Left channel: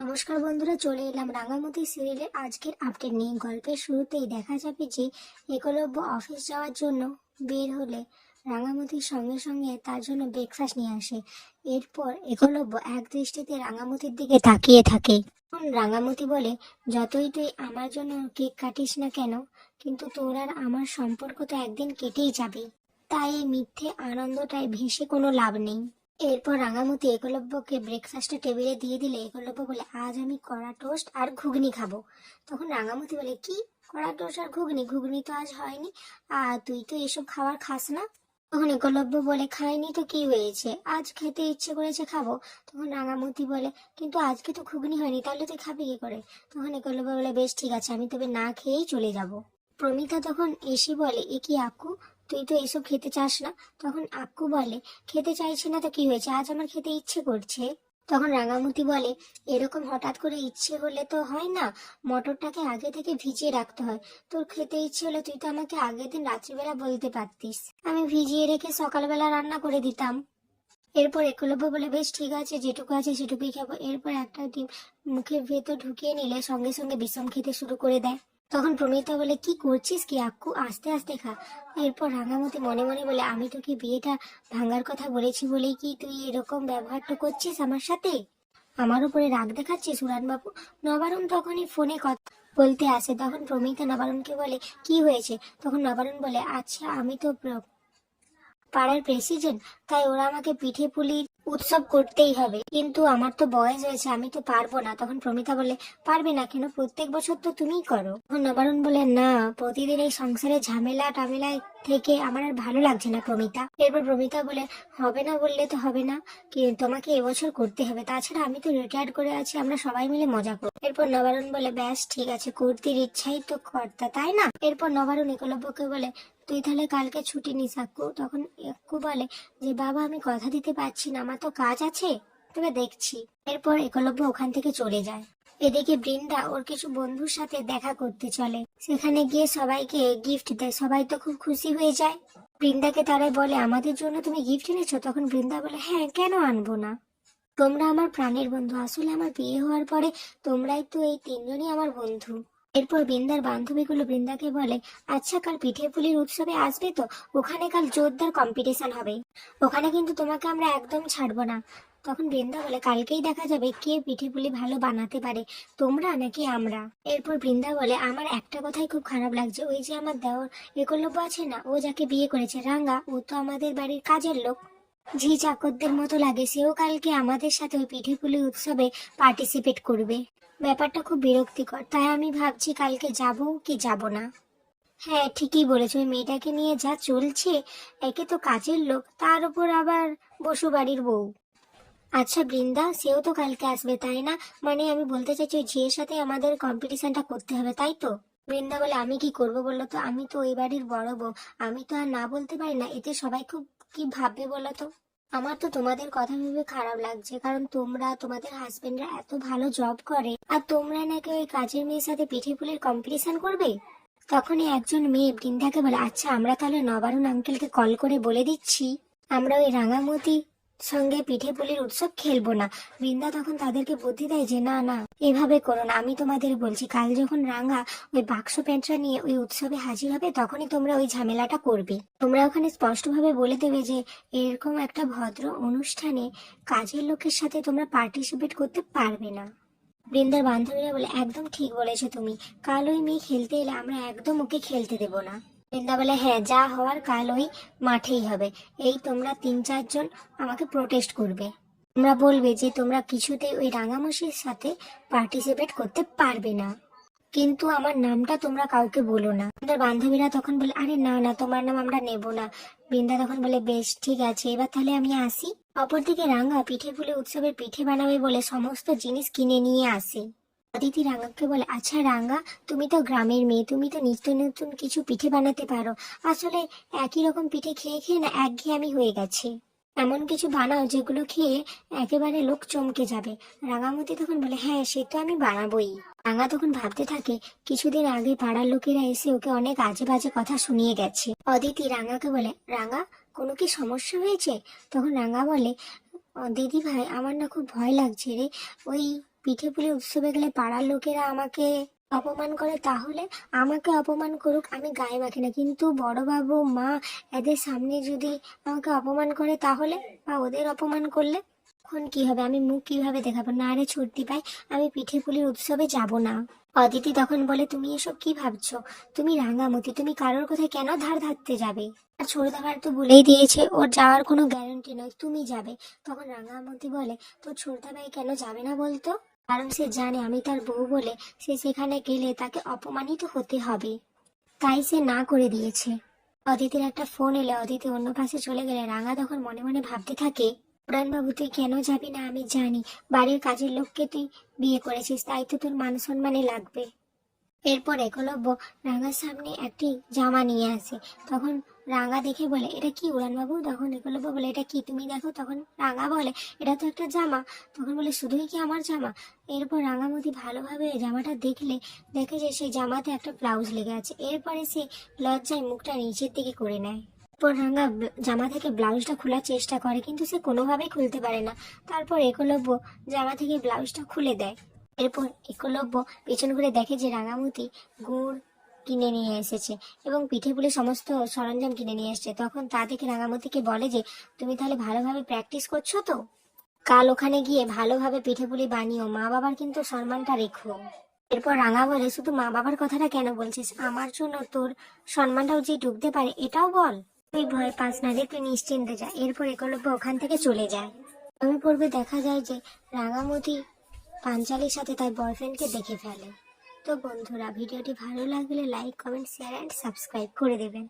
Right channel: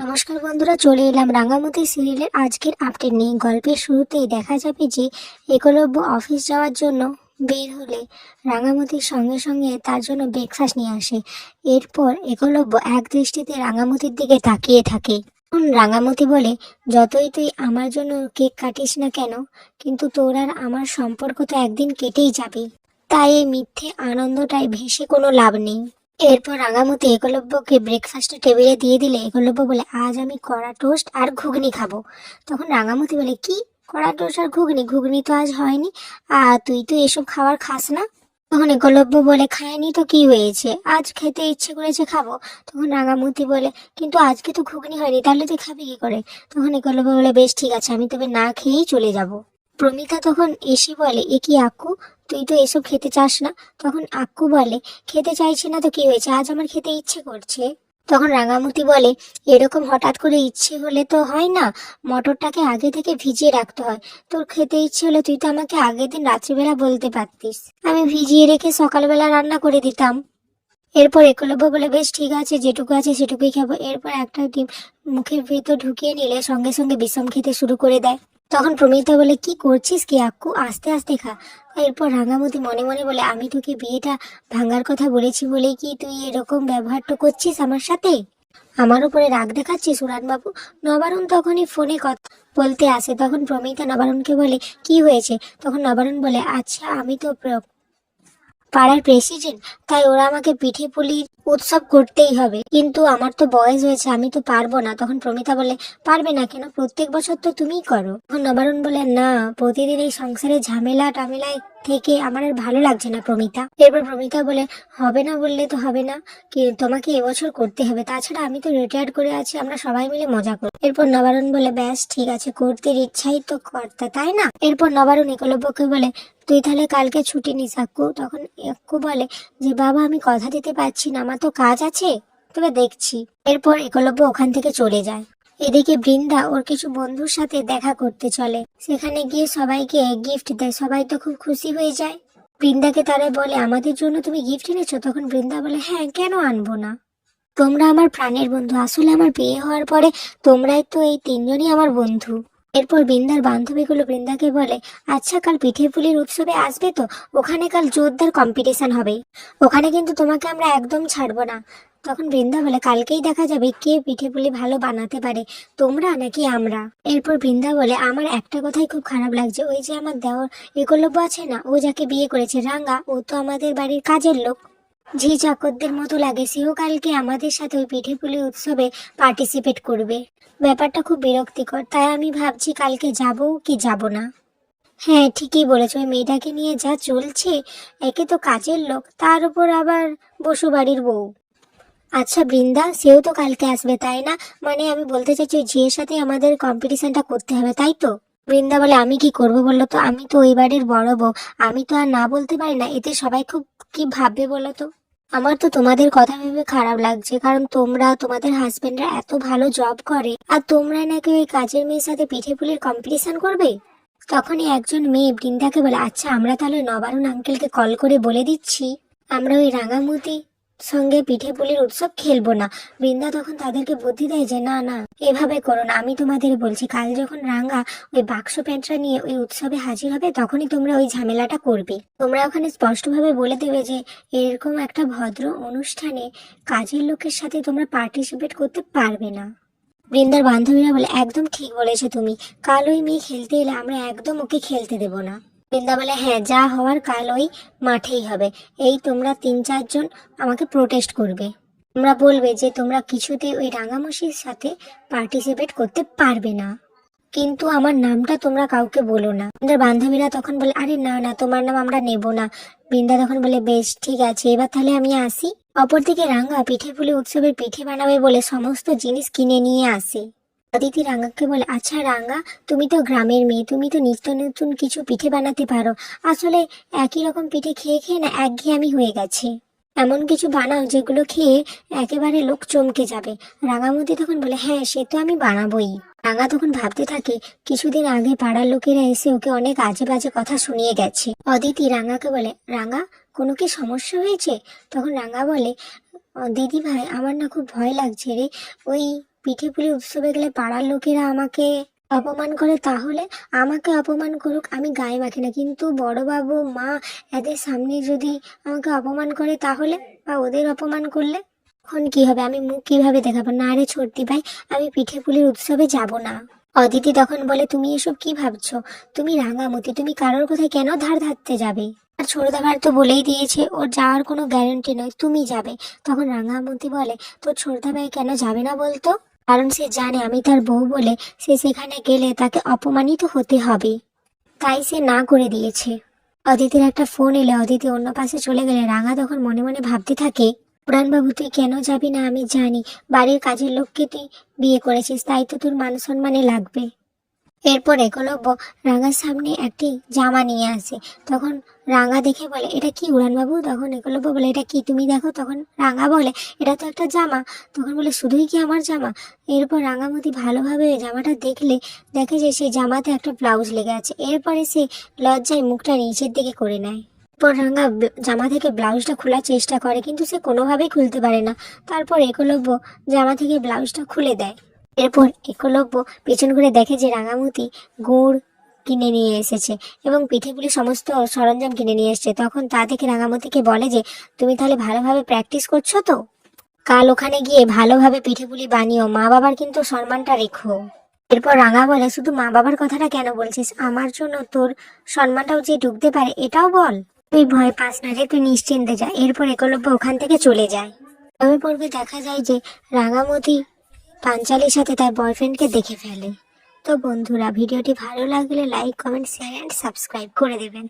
নমস্কার বন্ধুরা, চলে এলাম রাঙামতি সিরিয়ালের আজকের আপডেট নিয়ে। গল্পের শুরুতেই দেখা যাবে যে একলব্য অফিস যাওয়ার জন্য বের হলে রাঙামতির সঙ্গে সঙ্গে তার জন্য ব্রেকফাস্ট নিয়ে আসে। এরপর একলব্য এক দৃষ্টিতে রাঙামতির দিকে তাকিয়ে থাকে। তখন রাঙামতি বলে, যতই তুই আমার জন্য কেক কাটিস না কেন, কিন্তু তোর আর আমার সম্পর্ক তো একদিন কেটেই যাবে। তাই এই মিথ্যে আনন্দটাই ভেসে কোনো লাভ নেই। এরপর রাঙামতি একলব্যকে ব্রেকফাস্টের টেবিলে দিয়ে দিলে একলব্য বলে, আজ আমি কড়া টোস্ট আর ঘুগনি খাব। তখন রাঙামতি বলে, কি? কড়া টোস্ট আর ঘুগনি? ঘুগনি তো আজ হয়নি। আর তুই তো এসব খাবার খাস না? তখন একলব্য বলে খায়নি তো কি হয়েছে? আজ খেতে ইচ্ছে করেছে খাব। তখন রাঙামতি বলে, কিন্তু আজকে তো ঘুগনি হয়নি, তাহলে তুই খাবি কি করে? তখন একলব্য বলে, বেশ ঠিক আছে, আমি তবে না খেয়েই চলে যাব। প্রমিতা তখন এসে বলে, এ কি আক্কু? তুই তো এসব খেতে চাস না? তখন আক্কু বলে, খেতে চাইছি না তো কি হয়েছে? আজ আমার খেতে ইচ্ছে করছে। তখন রাঙামতি বলে, এরকম হঠাৎ করে ইচ্ছে হলে তো হয় না, মটরটাকে আগে থেকে ভিজিয়ে রাখতে হয়। তোর খেতে ইচ্ছে হলে তুই তো আমাকে আগের দিন রাত্রিবেলা বলতে পারতিস। আমি ভিজিয়ে রেখে সকালবেলা রান্না করে দিতাম। এরপর একলব্য বলে, বেশ, ঠিক আছে, যেটুকু আছে সেটুকুই খাব। এরপর একটা ডিম মুখের ভেতর ঢুকিয়ে নিলে সঙ্গে সঙ্গে বিষম খেতে শুরু করে দেয়। তখন প্রমিতা বলে, কি করছিস কি আক্কু? আস্তে আস্তে খা। এরপর রাঙামতি মনে মনে বলে, আমি তোকে বিয়েটা ভাঙার কথা বলেছি বলে কি তুই এরকম ব্যবহারটা করছিস আমার সাথে? আমার উপরে রাগ দেখাচ্ছিস বাবু নবারুণ তখনই ফোনে কথা বলতে আসে। তখন প্রমিতা নবারুণকে বলে, কি হয়েছে? তখন নবারুণ বলে আচ্ছা আমি তো পাড়ার প্রেসিডেন্ট, তাই ওরা আমাকে পিঠে পুলির উৎসব করতেই হবে। কিন্তু আমার তো বয়স হয়েছে, আমি তো পারব না। তখন প্রমিতা বলে, পারবে না কেন? প্রত্যেক বছর তো তুমিই করো। তখন নবারুণ বলে, না, প্রতিদিন এই সংসারে ঝামেলা টামেলায় থেকে আমার আর ভালো লাগছে না, প্রমিতা। এরপর প্রমিতা বলে, হবে না বললে তো হবে না, কি তোমাকে এবছর করতে হবে। তাছাড়া আমি তো রিটায়ার করে আছি, আমরা সবাই মিলে মজা করি এরপর নবারণ বলে, ব্যাস, ঠিক আছে, করতে ইচ্ছাই তো কর্তা, তাই না? এরপর নবারুণ একলব্যকে বলে, তুই তাহলে কালকে ছুটি নিস, আক্কু। তখন আক্কু বলে, যে বাবা, আমি কথা দিতে পারছি না, আমার তো কাজ আছে? তবে দেখছি। এরপর একলব্য ওখান থেকে চলে যায়। এদিকে বৃন্দা ওর কিছু বন্ধুর সাথে দেখা করতে চলে। সেখানে গিয়ে সবাইকে গিফট দেয়। সবাই তো খুব খুশি হয়ে যায়। বৃন্দাকে তারা বলে, আমাদের জন্য তুমি গিফট এনেছো? তখন বৃন্দা বলে হ্যাঁ কেন আনব না? তোমরা আমার প্রাণের বন্ধু। আসলে আমার বিয়ে হওয়ার পরে তোমরাই তো এই তিনজনই আমার বন্ধু। এরপর বৃন্দার বান্ধবীগুলো বৃন্দাকে বলে আচ্ছা কাল পিঠে পুলির উৎসবে আসবে তো? ওখানে কাল জোরদার কম্পিটিশন হবে। ওখানে কিন্তু তোমাকে আমরা একদম ছাড়বো না। তখন বৃন্দা বলে, কালকেই দেখা যাবে কে পিঠে পুলি ভালো বানাতে পারে, তোমরা নাকি আমরা? এরপর বৃন্দা বলে, আমার একটা কথাই খুব খারাপ লাগছে। ওই যে আমার দেওয়ার একলব্য আছে না, ও যাকে বিয়ে করেছে রাঙ্গা ও তো আমাদের বাড়ির কাজের লোক। ঝি চাকরদের মতো লাগে, সেও কালকে আমাদের সাথে ওই পিঠে পুলি উৎসবে পার্টিসিপেট করবে। ব্যাপারটা খুব বিরক্তিকর, তাই আমি ভাবছি কালকে যাব কি যাব না। হ্যাঁ ঠিকই বলেছ, ওই মেয়েটাকে নিয়ে যা চলছে, একে তো কাজের লোক, তার উপর আবার বসু বাড়ির বউ। আচ্ছা বৃন্দা, সেও তো কালকে আসবে, তাই না? মানে আমি বলতে চাইছি, ওই ঝিয়ের সাথে আমাদের কম্পিটিশনটা করতে হবে, তাই তো? বৃন্দা বলে, আমি কি করব বলল তো? আমি তো ওই বাড়ির বড় বউ, আমি তো আর না বলতে পারি না, এতে সবাই খুব কি ভাববে বলো তো? আমার তো তোমাদের কথা ভেবে খারাপ লাগছে, কারণ তোমরা, তোমাদের হাজবেন্ডরা এত ভালো জব করে, আর তোমরা নাকি ওই কাজের মেয়ের সাথে পিঠে পুলির কম্পিটিশন করবে? তখনই একজন মেয়ে বৃন্দাকে বলে আচ্ছা আমরা তাহলে নবারুণ আঙ্কেলকে কল করে বলে দিচ্ছি। আমরা ওই রাঙামতি সঙ্গে পিঠে পুলির উৎসব খেলব না। বৃন্দা তখন তাদেরকে বুদ্ধি দেয় যে, না না, এভাবে করো না। আমি তোমাদের বলছি, কাল যখন রাঙ্গা ওই বাক্স প্যান্টটা নিয়ে ওই উৎসবে হাজির হবে, তখনই তোমরা ওই ঝামেলাটা করবে। তোমরা ওখানে স্পষ্টভাবে বলে দেবে যে, এরকম একটা ভদ্র অনুষ্ঠানে কাজের লোকের সাথে তোমরা পার্টিসিপেট করতে পারবে না। বৃন্দার বান্ধবীরা বলে, একদম ঠিক বলেছ তুমি। কাল ওই মেয়ে খেলতে এলে আমরা একদম ওকে খেলতে দেবো না। বৃন্দা বলে হ্যাঁ যা হওয়ার কাল ওই মাঠেই হবে। এই তোমরা তিন চারজন আমাকে প্রোটেস্ট করবে। তোমরা বলবে যে তোমরা কিছুতে ওই রাঙামশির সাথে পার্টিসিপেট করতে পারবে না। কিন্তু আমার নামটা তোমরা কাউকে বলো না। আমাদের বান্ধবীরা তখন বলে, আরে না না, তোমার নাম আমরা নেব না। বৃন্দা তখন বলে, বেশ, ঠিক আছে, এবার তাহলে আমি আসি। অপরদিকে রাঙা পিঠে পুলি উৎসবের পিঠে বানাবে বলে সমস্ত জিনিস কিনে নিয়ে আসে। অদিতি রাঙ্গাকে বলে আচ্ছা রাঙ্গা তুমি তো গ্রামের মেয়ে, তুমি তো নিত্য নতুন কিছু পিঠে বানাতে পারো। আসলে একই রকম পিঠে খেয়ে খেয়ে না একঘেয়েমি হয়ে গেছে। এমন কিছু বানাও যেগুলো খেয়ে একেবারে লোক চমকে যাবে। রাঙামতি তখন বলে হ্যাঁ সে তো আমি বানাবোই। রাঙা তখন ভাবতে থাকে, কিছুদিন আগে পাড়ার লোকেরা এসে ওকে অনেক আজে বাজে কথা শুনিয়ে গেছে। অদিতি রাঙাকে বলে, রাঙা, কোনো কি সমস্যা হয়েছে? তখন রাঙা বলে, দিদি ভাই, আমার না খুব ভয় লাগছে রে। ওই পিঠে পুলি উৎসবে গেলে পাড়ার লোকেরা আমাকে অপমান করে, তাহলে আমাকে অপমান করুক, আমি গায়ে মাখি না। কিন্তু বড়বাবু, মা, এদের সামনে যদি আমাকে অপমান করে, তাহলে? বা ওদের অপমান করলে? তখন কি হবে? আমি মুখ কীভাবে দেখাবো? না রে ছোটদি ভাই, আমি পিঠে পুলির উৎসবে যাব না। অদিতি তখন বলে, তুমি এসব কি ভাবছ? তুমি রাঙামতি, তুমি কারোর কোথায় কেন ধার ধারতে যাবে? আর ছোটদা ভাই তো বলেই দিয়েছে, ওর যাওয়ার কোনো গ্যারান্টি নয়, তুমি যাবে। তখন রাঙামতি বলে, তোর ছোটদা ভাই কেন যাবে না বলতো? কারণ সে জানে আমি তার বউ বলে সে সেখানে গেলে তাকে অপমানিত হতে হবে। তাই সে না করে দিয়েছে। অদিতির একটা ফোন এলে। অদিতি অন্য পাশে চলে গেলে রাঙা তখন মনে মনে ভাবতে থাকে, পুরাণবাবু, তুই কেন যাবি না? আমি জানি। বাড়ির কাজের লোককে তুই বিয়ে করেছিস, তাই তো তোর মান সম্মানে লাগবে। এরপর একলব্য রাঙার সামনে একটি জামা নিয়ে আসে। তখন রাঙা দেখে বলে, এটা কি উড়ানবাবু? তখন একলব্য বলে, এটা কি তুমি দেখো? তখন রাঙা বলে, এটা তো একটা জামা। তখন বলে, শুধুই কি আমার জামা? এরপর রাঙামতি ভালোভাবে জামাটা দেখলে, দেখে যে সেই জামাতে একটা ব্লাউজ লেগে আছে। এরপরে সে লজ্জায় মুখটা নিচের দিকে করে নেয়। এরপর রাঙা জামা থেকে ব্লাউজটা খোলার চেষ্টা করে, কিন্তু সে কোনোভাবেই খুলতে পারে না। তারপর একলব্য জামা থেকে ব্লাউজটা খুলে দেয়। এরপর একলব্য পেছন করে দেখে যে রাঙামতি গুড় কিনে নিয়ে এসেছে এবং পিঠেগুলি সমস্ত সরঞ্জাম কিনে নিয়ে এসেছে। তখন তা দেখে রাঙামতিকে বলে যে, তুমি তাহলে ভালোভাবে প্র্যাকটিস করছ তো? কাল ওখানে গিয়ে ভালোভাবে পিঠে পুলি বানিও মা বাবার কিন্তু সম্মানটা রেখো। এরপর রাঙা বলে, শুধু মা বাবার কথাটা কেন বলছিস? আমার জন্য তোর সম্মানটাও যে ঢুকতে পারে, এটাও বল। তুই ভয় পাস না রে, তুই নিশ্চিন্তে যা। এরপর একলব্য ওখান থেকে চলে যায়। তবে পর্বে দেখা যায় যে রাঙামতি পাঞ্চালির সাথে তার বয়ফ্রেন্ডকে দেখে ফেলে। তো বন্ধুরা, ভিডিওটি ভালো লাগলে like comment share and subscribe করে দেবেন।